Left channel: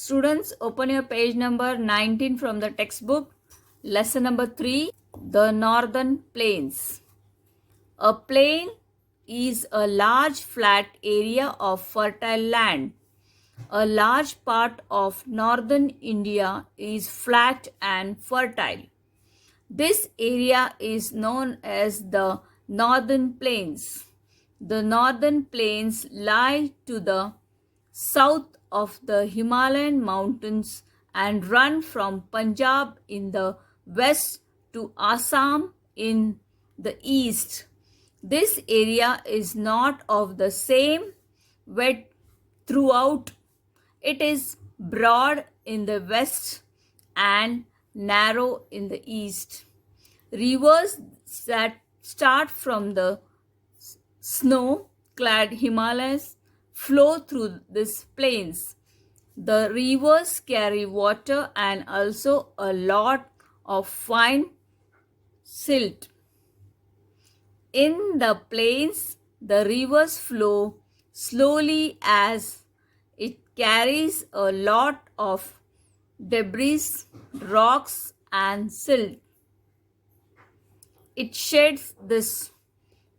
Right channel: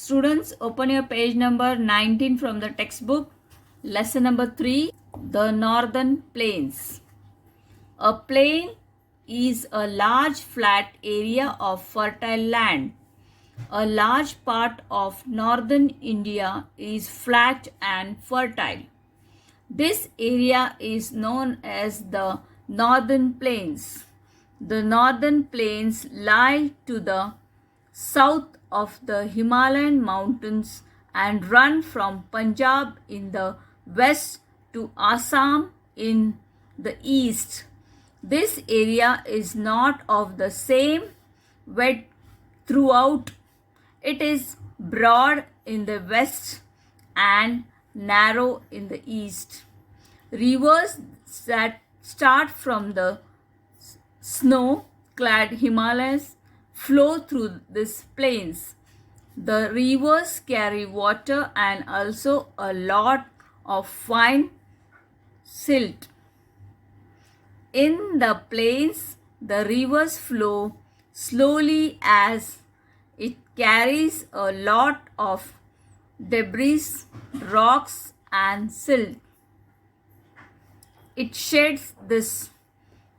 Students, open your page number 19 from the textbook. Lesson number 3, the Northern Plains. A plain is a large flat area of fertile land. A large part of northern India is flat and fertile. This area is known as the Northern Plains. The Northern Plains lie to the south of the Himalayan mountains and run from Punjab in the west to Assam in the east. This area is not of the same width throughout. It is broad in the west and narrow in the east. Rivers that start from the snow-clad Himalayas flow through these plains. The rivers carry water and also a lot of fine silt. In the plains, the rivers flow slowly as it carries a lot of debris, rocks, and silt. It sheds this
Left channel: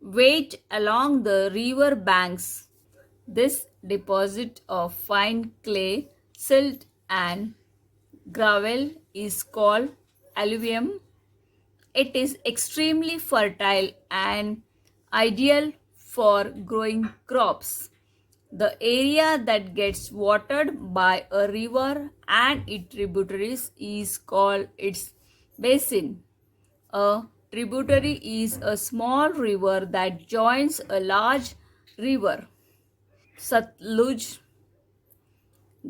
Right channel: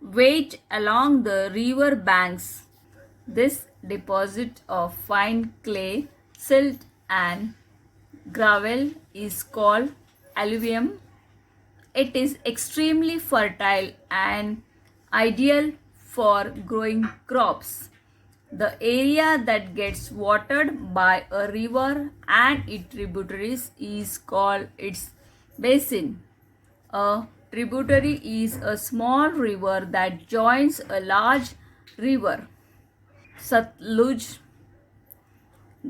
weight along the river banks. This deposit of fine clay, silt, and gravel is called alluvium. It is extremely fertile and ideal for growing crops. The area that gets watered by a river and its tributaries is called its basin. A tributary is a small river that joins a large river. Satluj,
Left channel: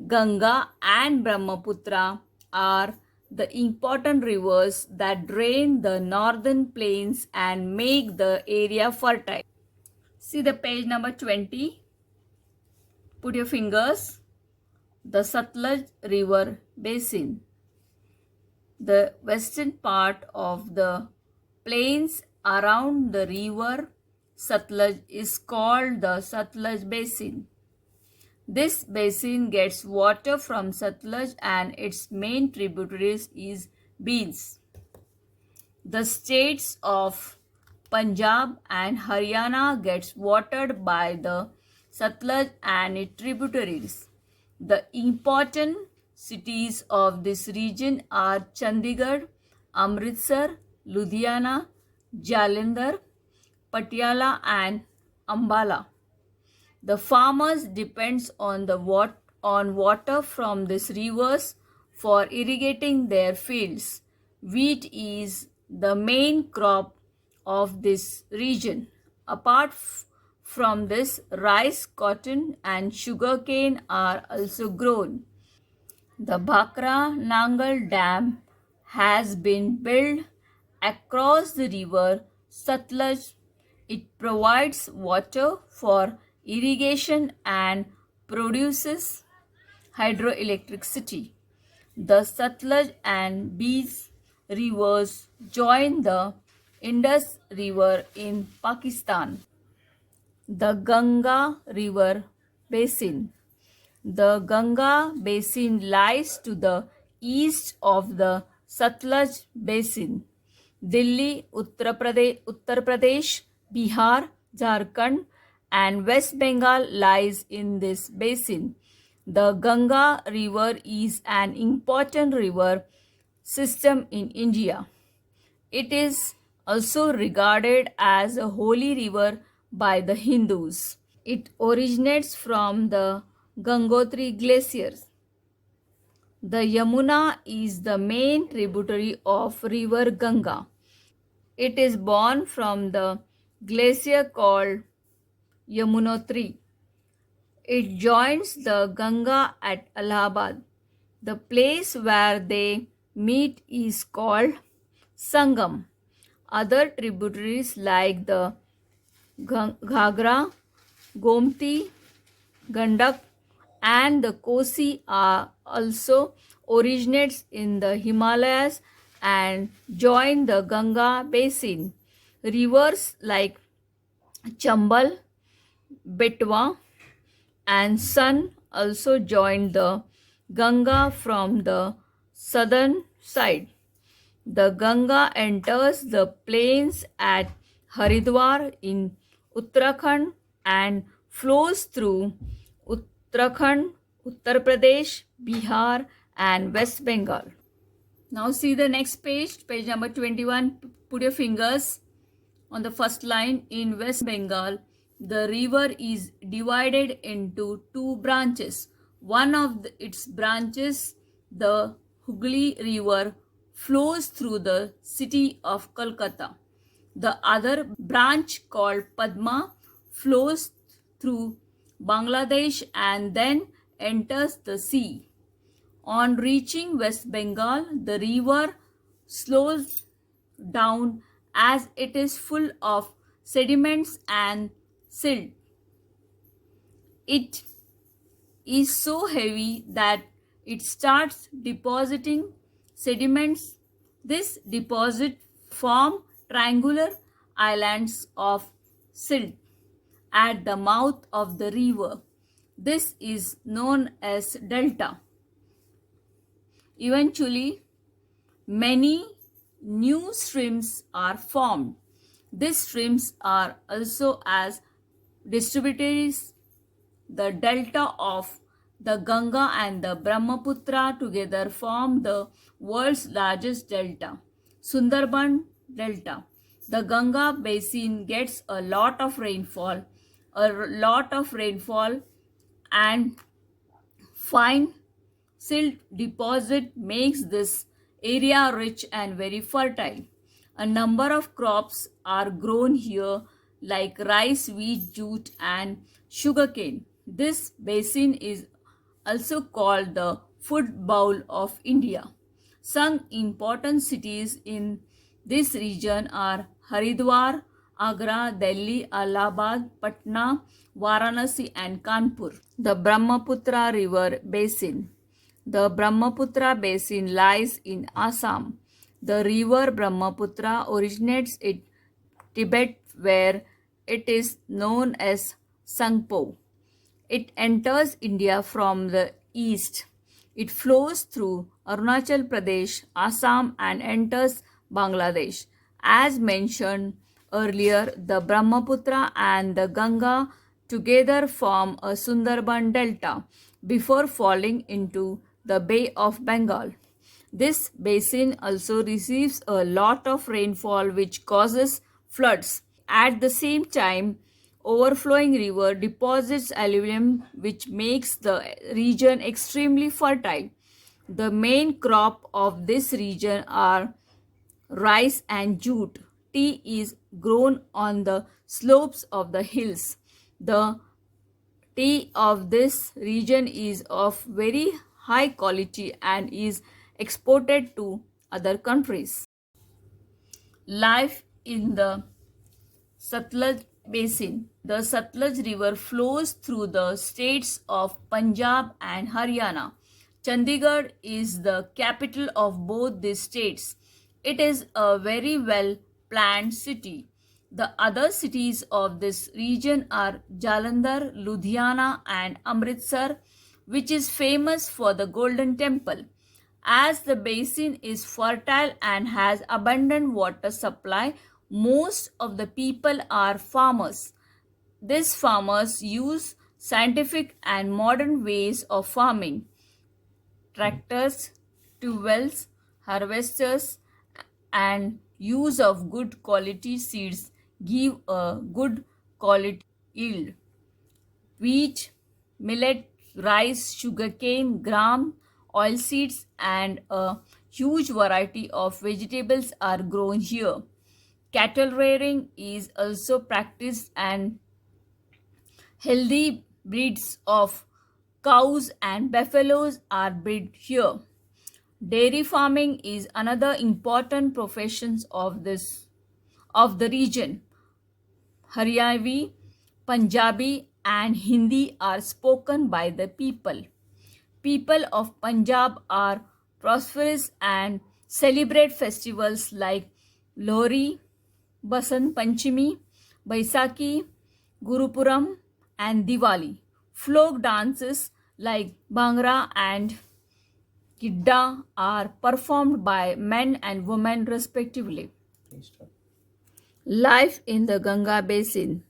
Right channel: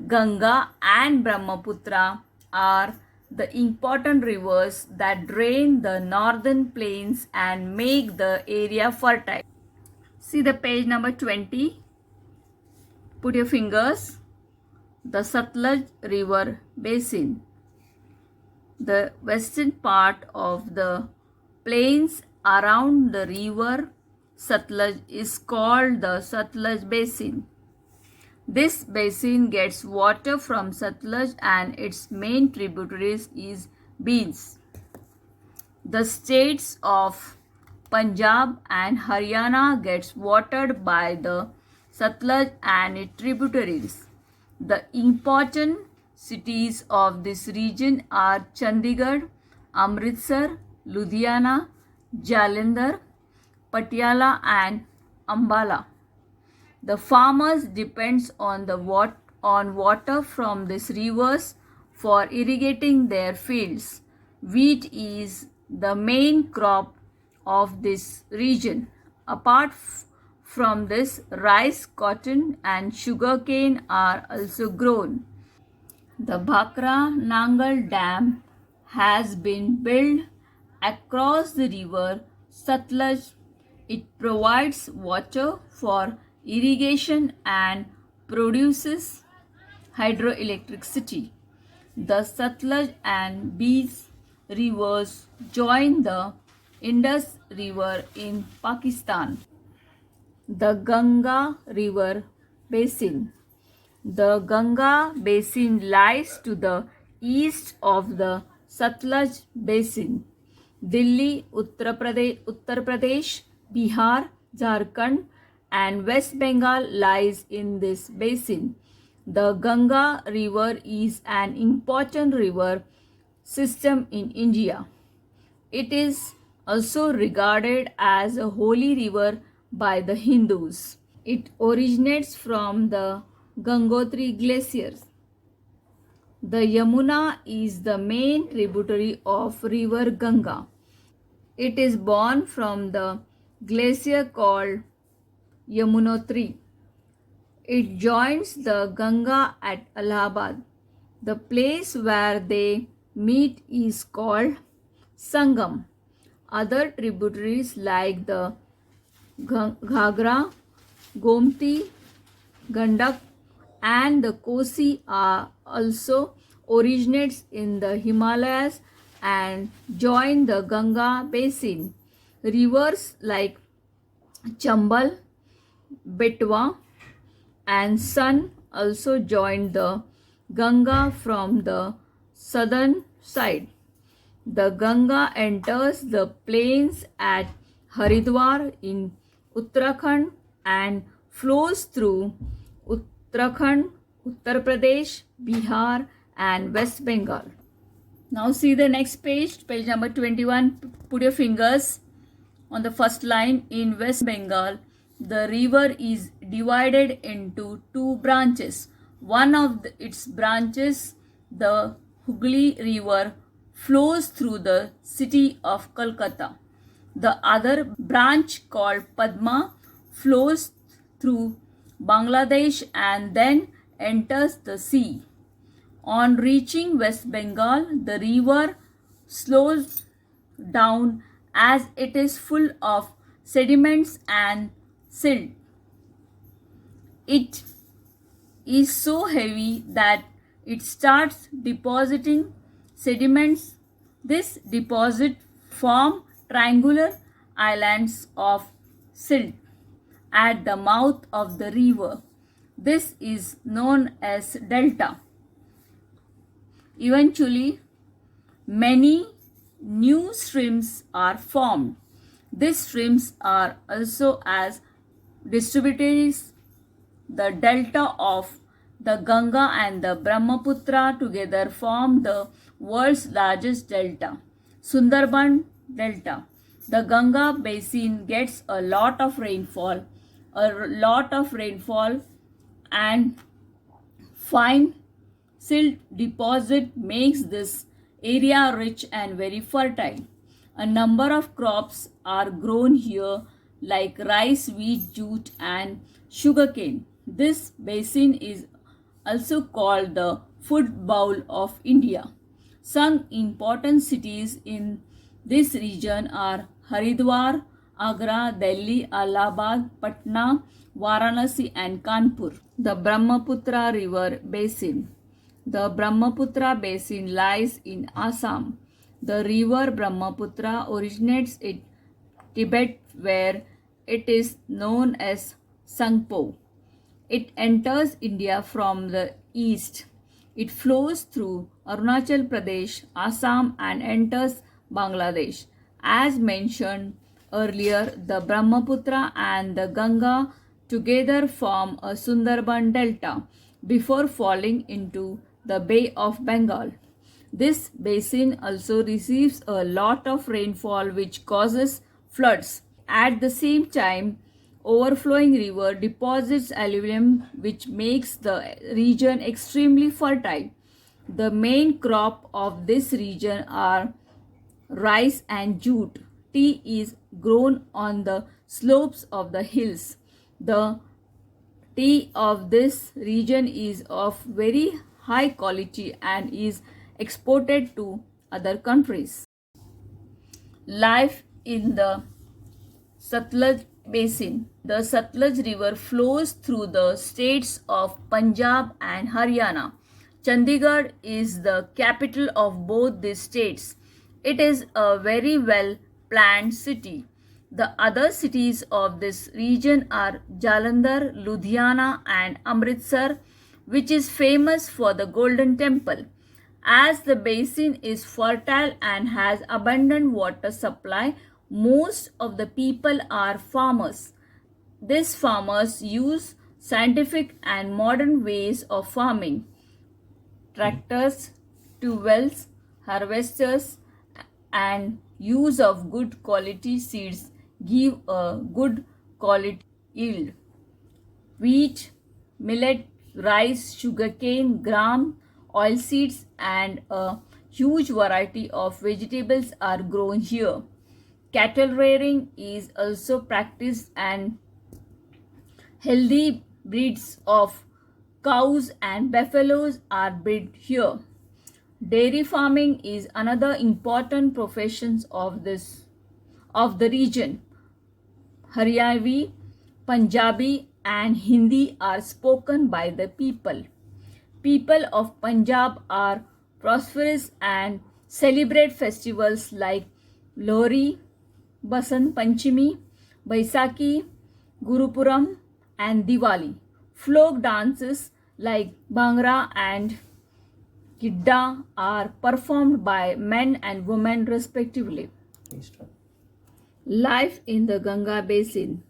Ganga, and Brahmaputra are the important rivers that drain the northern plains and make the area fertile. See the page number 20. Put your fingers. The Satluj River Basin. The western part of the plains around the river Satluj is called the Satluj Basin. This basin gets water from Satluj and its main tributaries is Beans. The states of Punjab and Haryana gets watered by the Satluj and its tributaries. The important cities of this region are Chandigarh, Amritsar, Ludhiana, Jalandhar, Patiala, and Ambala. The farmers depends on water from these rivers for irrigating their fields. Wheat is the main crop of this region. Apart from this, rice, cotton, and sugarcane are also grown. The Bhakra Nangal Dam has been built across the river Satluj. It provides water for irrigation and produces hydroelectricity. The Satluj and Beas rivers join the Indus River in Pakistan. The Ganga River Basin. The Ganga Basin lies to the east of the Satluj Basin. Delhi, Uttar Pradesh, Bihar, Jharkhand, and West Bengal lies in this basin. The Ganga River is an important river system in India. It is also regarded as a holy river by the Hindus. It originates from the Gangotri glaciers. The Yamuna is the main tributary of river Ganga. It is born from the glacier called Yamunotri. It joins the Ganga at Allahabad. The place where they meet is called Sangam. Other tributaries like the Ghagra, Gomti, Gandak, and the Kosi are also originates in the Himalayas and join the Ganga basin. Rivers like Chambal, Betwa, and Son also join the Ganga from the southern side. The Ganga enters the plains at Haridwar in Uttarakhand and flows through Uttarakhand, Uttar Pradesh, Bihar, and West Bengal. Now see the next page, page number 21. Put your fingers on the first line. In West Bengal, the river is divided into two branches. One of its branches, the Hooghly River, flows through the city of Kolkata. The other branch, called Padma, flows through Bangladesh and then enters the sea. On reaching West Bengal, the river slows down as it is full of sediments and silt. It is so heavy that it starts depositing sediments. This deposit form triangular islands of silt at the mouth of the river. This is known as delta. Eventually, many new streams are formed. These streams are also as distributaries. The delta of the Ganga and the Brahmaputra together form the world's largest delta, Sundarban Delta. The Ganga basin gets a lot of rainfall and fine silt deposit makes this area rich and very fertile. A number of crops are grown here like rice, wheat, jute, and sugarcane. This basin is also called the food bowl of India. Some important cities in this region are Haridwar, Agra, Delhi, Allahabad, Patna, Varanasi, and Kanpur. The Brahmaputra River Basin. The Brahmaputra Basin lies in Assam. The river Brahmaputra originates in Tibet, where it is known as Sangpo. It enters India from the east. It flows through Arunachal Pradesh, Assam, and enters Bangladesh. As mentioned earlier, the Brahmaputra and the Ganga together form a Sundarban Delta before falling into the Bay of Bengal. This basin also receives a lot of rainfall, which causes floods. At the same time, overflowing river deposits alluvium, which makes the region extremely fertile. The main crop of this region are rice and jute. Tea is grown on the slopes of the hills. The tea of this region is of very high quality and is exported to other countries. Life in the Satluj Basin. The Satluj River flows through the states of Punjab and Haryana. Chandigarh is the capital of both these states. It is a very well planned city. The other cities of this region are Jalandhar, Ludhiana, and Amritsar, which is famous for the Golden Temple. As the basin is fertile and has abundant water supply, most of the people are farmers. These farmers use scientific and modern ways of farming. Tractors, tubewells, harvesters, and use of good quality seeds give a good quality yield. Wheat, millet, rice, sugarcane, gram, oilseeds, and a huge variety of vegetables are grown here. Cattle rearing is also practiced and healthy breeds of cows and buffaloes are bred here. Dairy farming is another important profession of the region. Haryanvi, Punjabi, and Hindi are spoken by the people. People of Punjab are prosperous and celebrate festivals like Lohri, Basant Panchami, Baisakhi, Gurupuram, and Diwali. Folk dances like Bhangra and Gidda are performed by men and women respectively. Life in the Ganga Basin.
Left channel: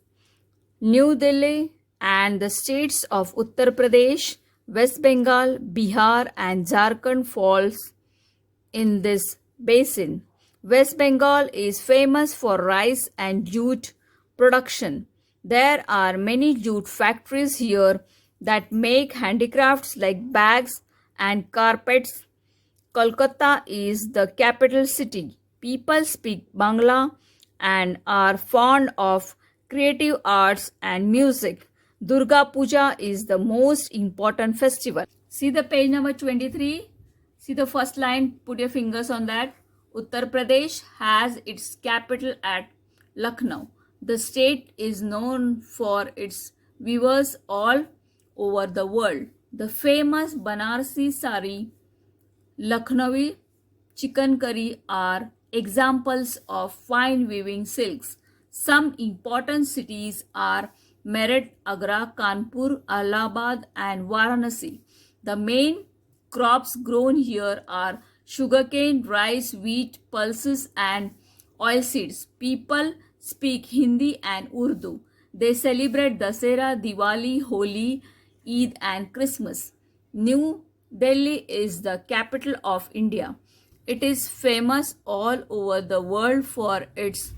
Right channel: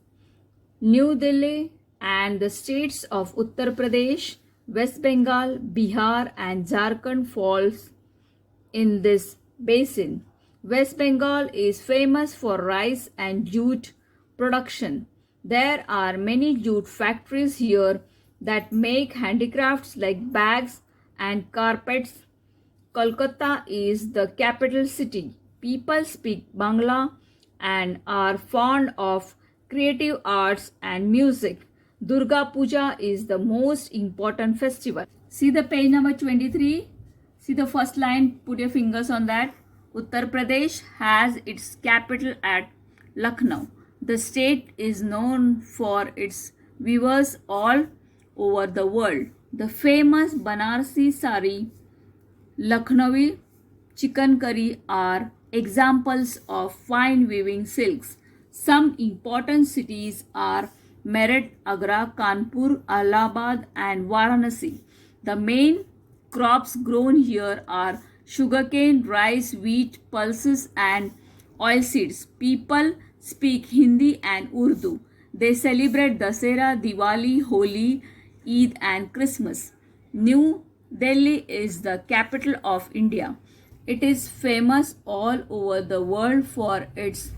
New Delhi and the states of Uttar Pradesh, West Bengal, Bihar and Jharkhand falls in this basin. West Bengal is famous for rice and jute production. There are many jute factories here that make handicrafts like bags and carpets. Kolkata is the capital city. People speak Bangla and are fond of creative arts and music. Durga Puja is the most important festival. See the page number 23. See the first line, put your fingers on that. Uttar Pradesh has its capital at Lucknow. The state is known for its weavers all over the world. The famous Banarsi sari, Lucknowi chicken curry are examples of fine weaving silks. Some important cities are Meerut, Agra, Kanpur, Allahabad, and Varanasi. The main crops grown here are sugarcane, rice, wheat, pulses, and oilseeds. People speak Hindi and Urdu. They celebrate Dasera, Diwali, Holi, Eid, and Christmas. New Delhi is the capital of India. It is famous all over the world for its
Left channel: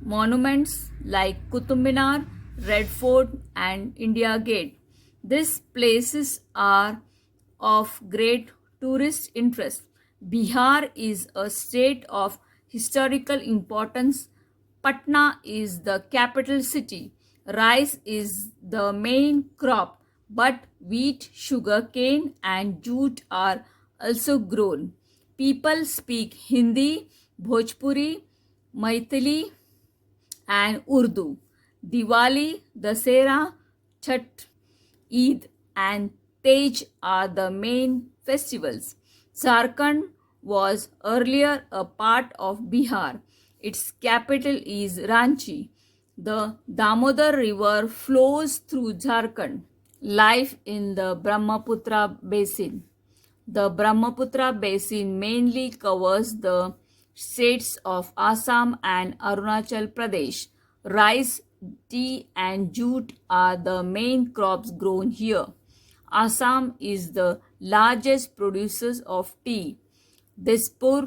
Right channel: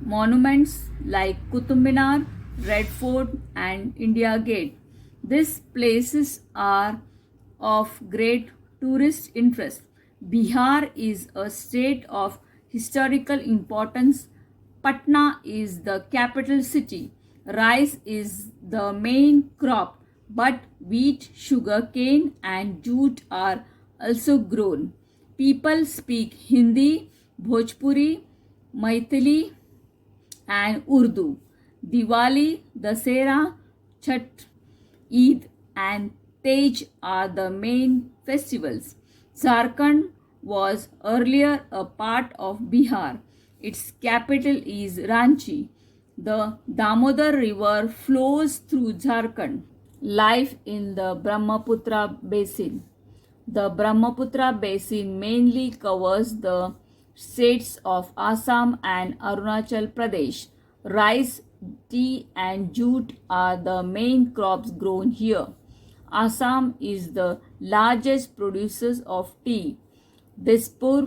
monuments like Qutub Minar, Red Fort, and India Gate. These places are of great tourist interest. Bihar is a state of historical importance. Patna is the capital city. Rice is the main crop, but wheat, sugar cane, and jute are also grown. People speak Hindi, Bhojpuri, Maithili, and Urdu. Diwali, Dasera, Chhat, Eid, and Tej are the main festivals. Jharkhand was earlier a part of Bihar. Its capital is Ranchi. The Damodar River flows through Jharkhand. Life in the Brahmaputra Basin. The Brahmaputra Basin mainly covers the states of Assam and Arunachal Pradesh. Rice, tea, and jute are the main crops grown here. Assam is the largest producer of tea. Dispur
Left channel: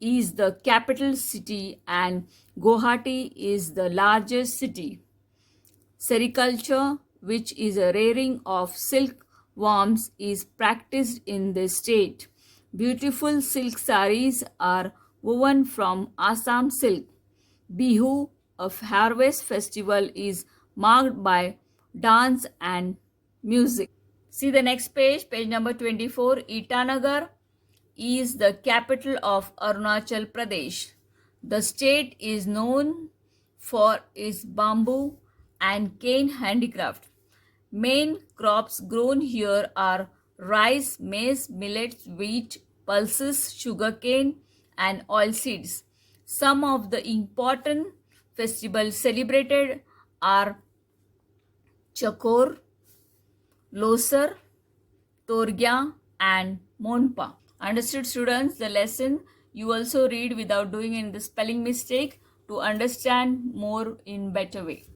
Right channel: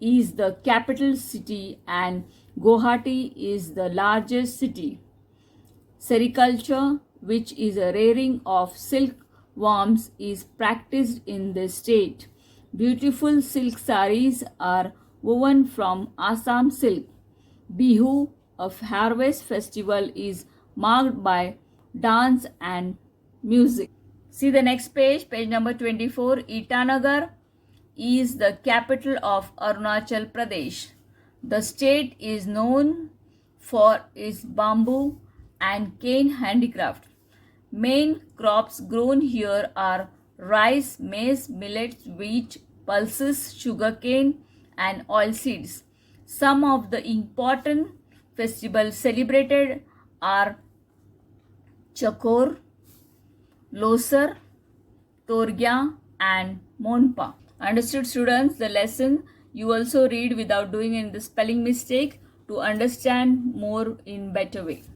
is the capital city and Guwahati is the largest city. Sericulture, which is a rearing of silkworms, is practiced in the state. Beautiful silk saris are woven from Assam silk. Bihu, a harvest festival, is marked by dance and music. See the next page, page number 24. Itanagar is the capital of Arunachal Pradesh. The state is known for its bamboo and cane handicraft. Main crops grown here are rice, maize, millets, wheat, pulses, sugarcane, and oilseeds. Some of the important festivals celebrated are Chakor, Losar, Torgya, and Monpa. Understood, students? The lesson you also read without doing any spelling mistake to understand more in better way.